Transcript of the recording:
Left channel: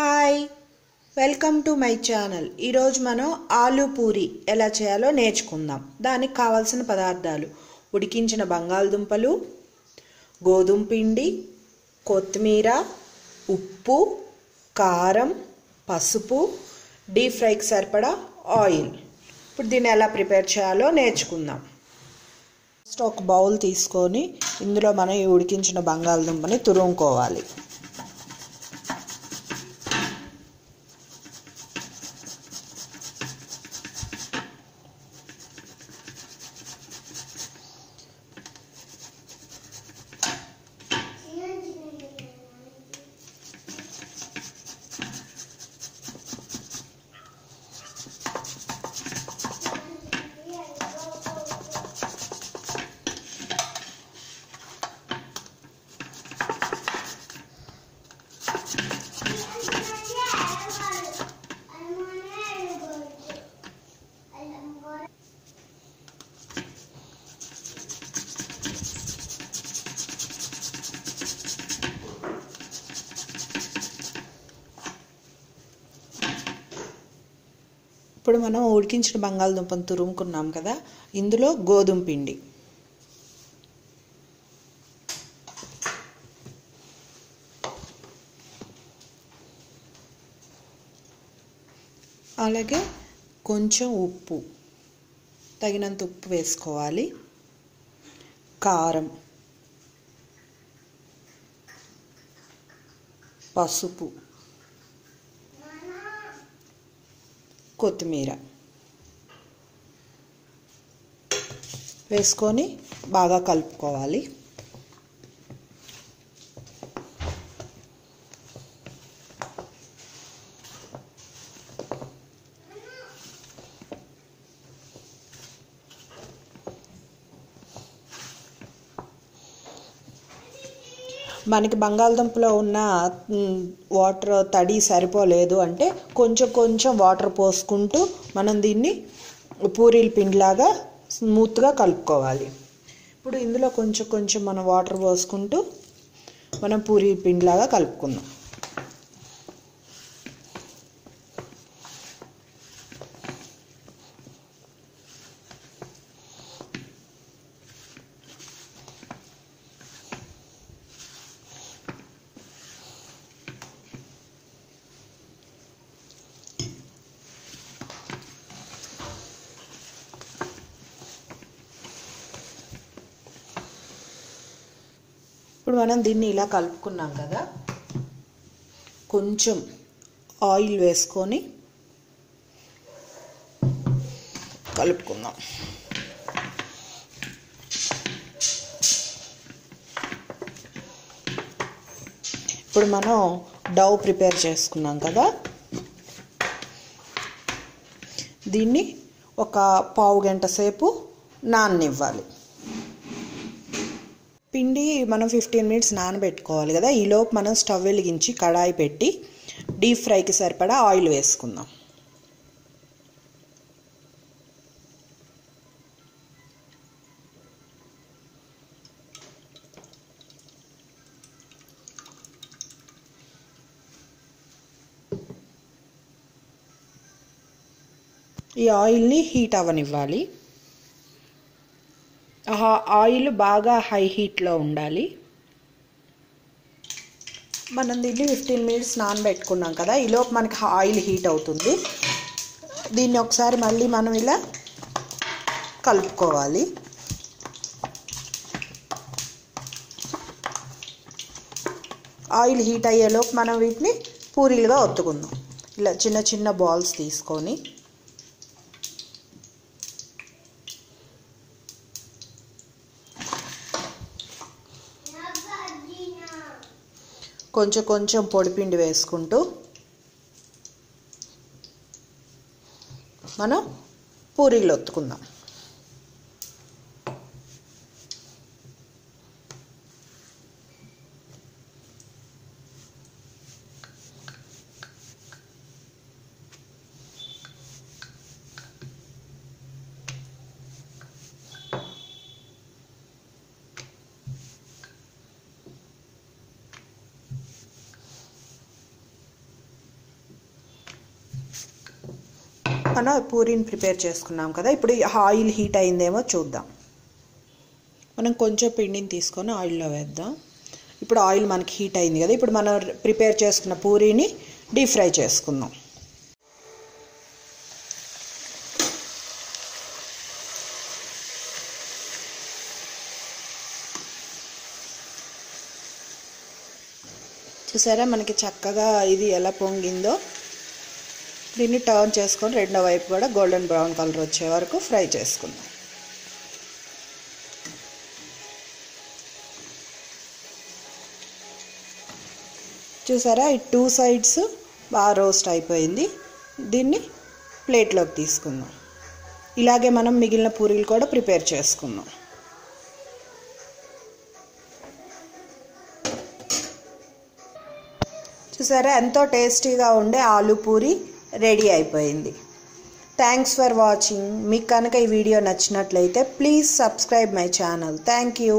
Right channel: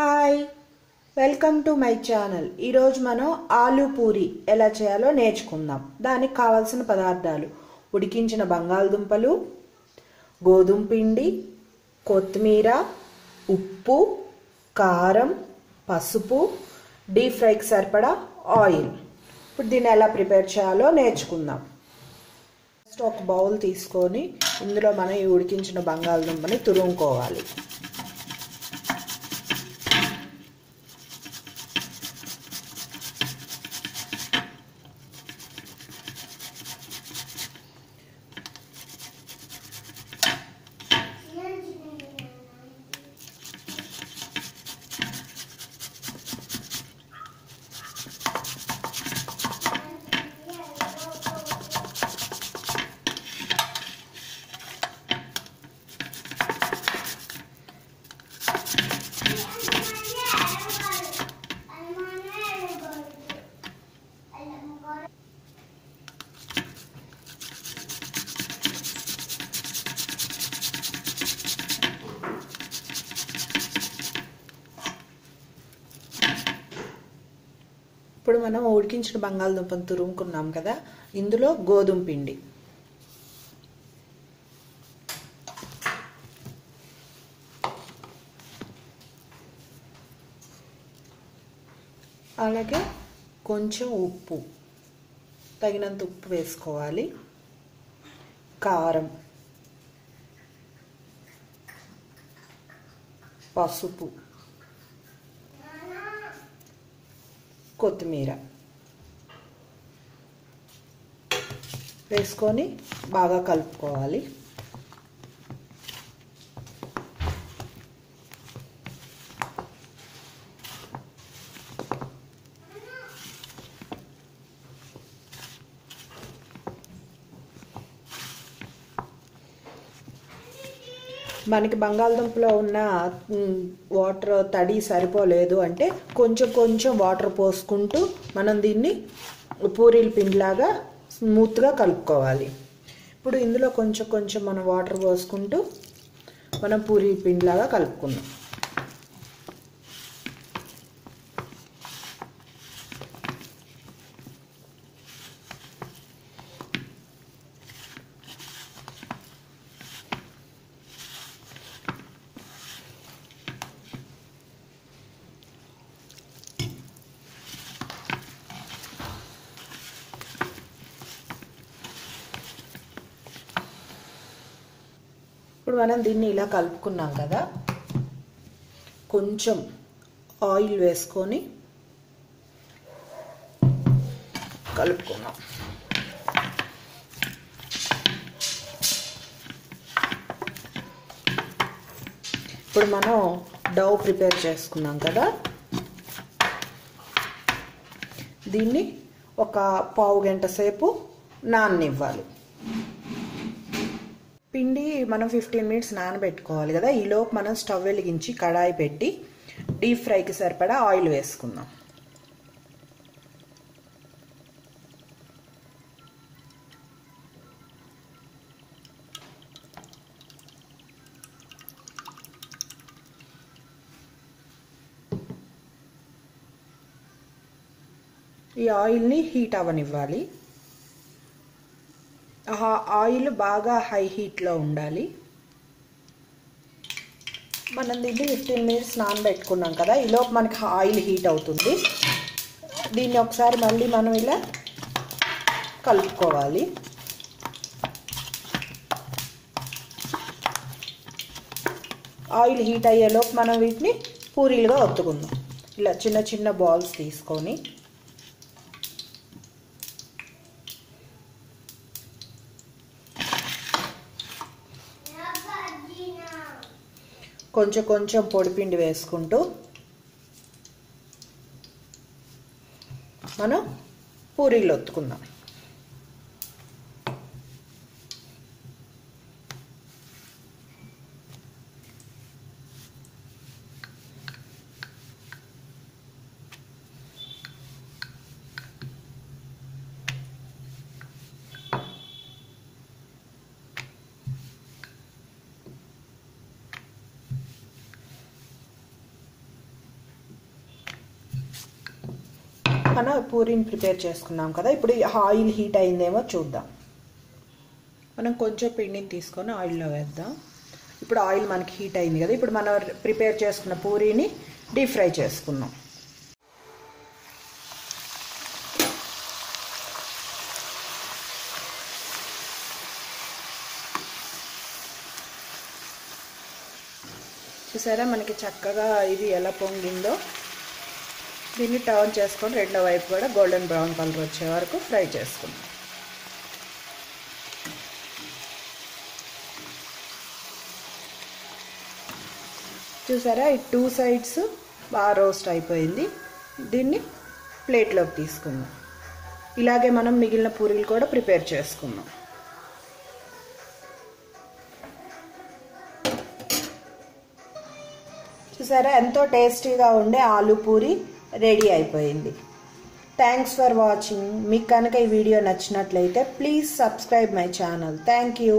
Hi, welcome to my channel. ఈరోజు మనం ఆలూ పూరి ఎలా చేయాలో నేర్చుకుందాం. దానికి కావాల్సిన పదార్థాలు: ఉడికించిన బంగాళదుంపలు, గోధుమ పిండి, కొత్తిమీర, ఉప్పు, కారం, పసుపు, డీప్ ఫ్రైకి సరిపడా ఆయిల్. ఇప్పుడు దీన్ని ఎలా ప్రిపేర్ చేయాలో నేర్చుకుందాం. ఫస్ట్ ఒక బౌల్ తీసుకొని ఇందులో మనం ఈ ఉడికించిన బంగాళదుంపని తురుముకోవాలి. ఇప్పుడు మనం ఉడికించిన బంగాళదుంపను తురుముకున్నాం కదా, ఇందులో గోధుమ పిండి, అలాగే కొంచెం ఉప్పు, తగినంత ఉప్పు వేసుకోవాలి, కారం, పసుపు, కొత్తిమీర వేసుకొని బాగా కలుపుకోవాలి. మనకి బంగాళదుంపలో ఉన్న వాటర్ తడి సరిపోలేదు అంటే కొంచెం కొంచెం వాటర్ పోసుకుంటూ మనం దీన్ని పూరీల పిండిలాగా స్మూత్గా కలుపుకోవాలి. ఇప్పుడు ఇందులో కొంచెం కొంచెం మనం వాటర్ పోసుకుంటూ మనం పూరీ పిండిలాగా కలుపుకుందాం. ఇప్పుడు మనం దీన్ని ఇలా కలుపుకున్నాం కదా, కొంచెం ఆయిల్ వేసుకొని కలుపుకుందాం. ఇప్పుడు మనం డౌ ప్రిపేర్ చేసుకున్నాం కదా, దీన్ని ఒక పావు గంట సేపు నాననివ్వాలి. పిండి మనం 15 మినిట్స్ నానబెట్టుకోవాలి కదా. ఈలోపు మనం స్టవ్ వెలిగించి కడాయి పెట్టి డీప్ ఫ్రైకి సరిపడా ఆయిల్ వేసుకుందాం. ఈ ఆయిల్ని హీట్ అవ్వనివ్వాలి. ఆయిల్ బాగా హై హీట్లో ఉండాలి. మనం దీన్ని 15 మినిట్స్ నానబెట్టుకున్నాం కదా, ఈలోపు మనకి ఆయిల్ హీట్ అవుతుంది. దీన్ని ఒకసారి మళ్ళీ మనం ఇలా కలుపుకోవాలి. ఆయిల్ హీట్ అయ్యేలోపు మనం వీటిని పూరీలుగా ఒత్తుకుందాం. ఇలా చిన్న చిన్న బాల్స్ తీసుకొని కొంచెం కొంచెం పొడిపిండి వేసుకుంటూ మనం పూరీలు ఒత్తుకుందాం. మనం పూరీని ప్రిపేర్ చేసుకున్నాం కదా, ఇప్పుడు ఆయిల్ హీట్ అయిందేమో చూద్దాం. మనం కొంచెం పిండిని తీసుకొని ఆయిల్లో వేద్దాం. ఇప్పుడు ఆయిల్ మనకి హీట్ అయింది కదా, ఇప్పుడు మనం ప్రిపేర్ చేసుకున్న పూరీని డీప్ ఫ్రై చేసుకుందాం. చూసారా మనకి చక్కగా ఇది ఎలా పొంగిందో. దీన్ని టర్న్ చేసుకొని రెండో వైపు కూడా గోల్డెన్ బ్రౌన్ కలర్ వచ్చే వరకు ఫ్రై చేసుకుందాం. చూసారా ఈ 2 సైడ్స్ బాగా రోస్ట్ అయిపోయింది. దీన్ని ప్లేట్లోకి తీసుకుందాం. ఇలాగే మనం మిగిలిన పూరీలు కూడా ప్రిపేర్ చేసుకుందాం. చూసారా ఎంతో టేస్టీగా ఉండే ఆలు పూరి రెడీ అయిపోయింది. Thanks for watching. మీకు కనుక ఈ వీడియో నచ్చినట్లయితే please subscribe my channel. Thank you.